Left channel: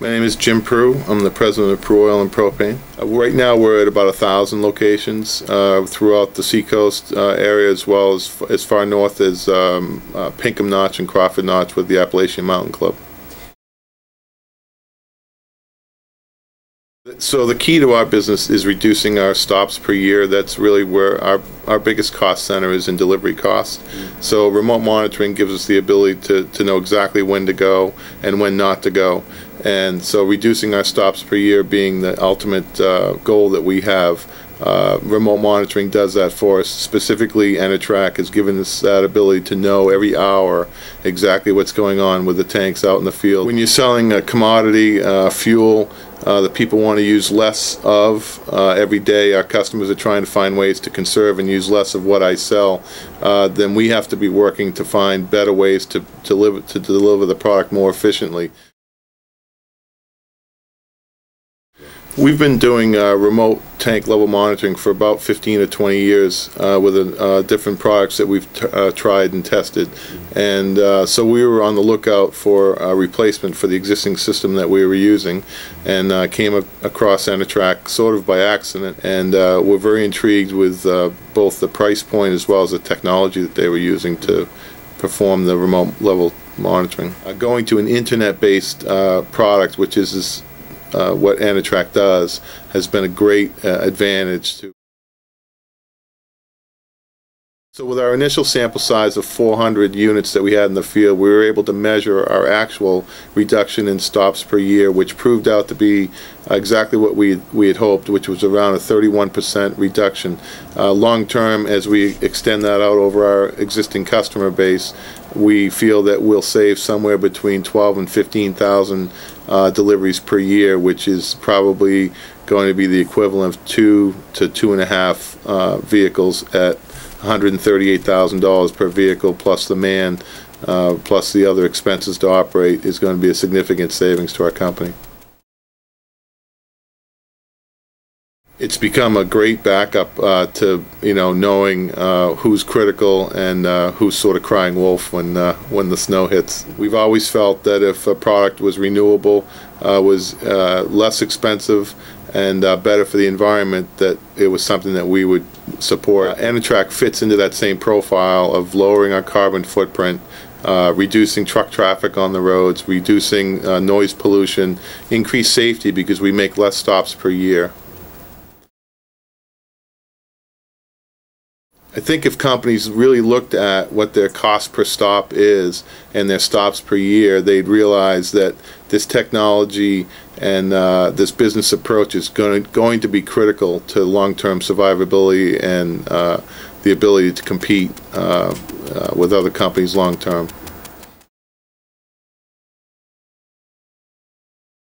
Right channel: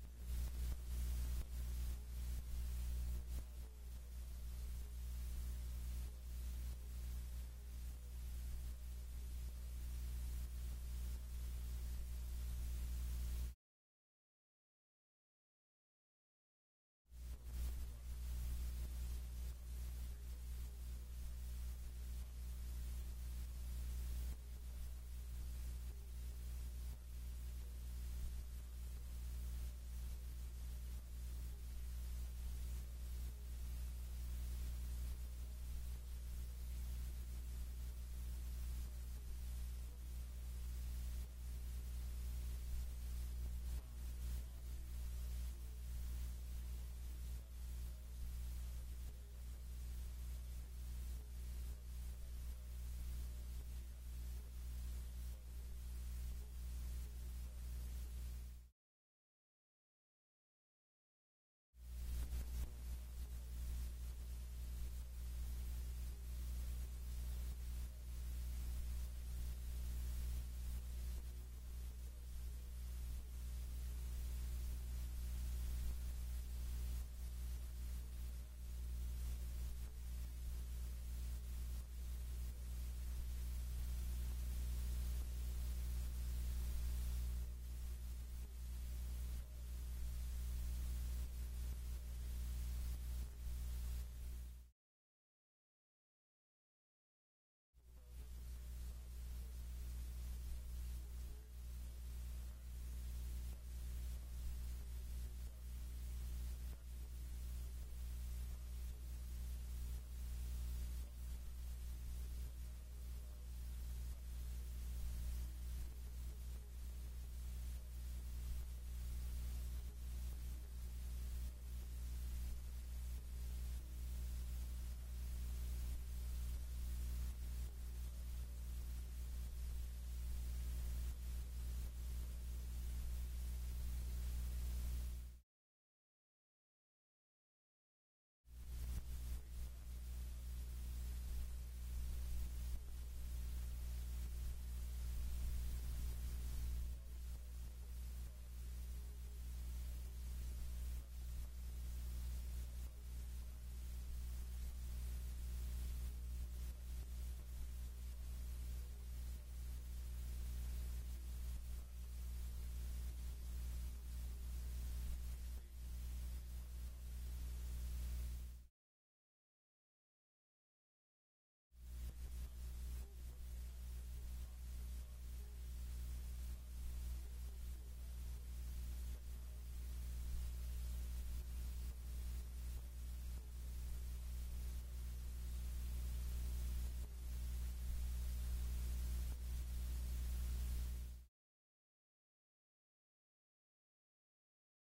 My name is Jim Prue. I'm the president of Prue Oil and Propane. Right now we're at about 1,000 locations throughout the Seacoast area, as well as far north as Pinkham Notch and Crawford Notch with the Appalachian Mountain Club. So the key to our business is reducing our stops per year. That's really where our biggest cost center is in delivery costs. So remote monitoring gives us the ability to know exactly when to go and when not to go. And so reducing our stops per year being the ultimate goal that we have. Remote monitoring does that for us. Specifically, EnerTrac has given us that ability to know every hour exactly what's going on with the tanks out in the field. When you're selling a commodity, fuel, that people want to use less of every day, our customers are trying to find ways to conserve and use less of what I sell, then we have to be working to find better ways to deliver the product more efficiently. We've been doing remote tank level monitoring for about 15 or 20 years with different products that we've tried and tested, and so we were on the lookout for a replacement for the existing system that we were using, and came across EnerTrac sort of by accident, and we're very intrigued with both the price point as well as the technology that they were using to perform the remote level monitoring. Going to an internet-based product, which is what EnerTrac does, has been a great advantage to. So with our initial sample size of 400 units that we had in the field, we were able to measure our actual reduction in stops per year, which proved out to be exactly what we had hoped, which was around a 31% reduction. Long term, as we extend that out over our existing customer base, we feel that we'll save somewhere between 12 and 15,000 deliveries per year, which is probably going to be the equivalent of 2 to 2.5 vehicles at $138,000 per vehicle, plus the man, plus the other expenses to operate, is going to be a significant savings to our company. It's become a great backup to knowing who's critical and who's sort of crying wolf when the snow hits. We've always felt that if a product was renewable, was less expensive, and better for the environment, that it was something that we would support. EnerTrac fits into that same profile of lowering our carbon footprint, reducing truck traffic on the roads, reducing noise pollution, increased safety because we make less stops per year. I think if companies really looked at what their cost per stop is and their stops per year, they'd realize that this technology and this business approach is going to be critical to long-term survivability and the ability to compete with other companies long-term.